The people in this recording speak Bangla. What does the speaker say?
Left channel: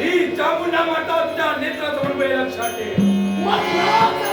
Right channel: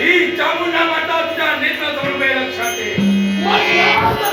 ही चामुंडा माता तुझ्या नेत्रात उभे लक्षात ये म्हटलं तर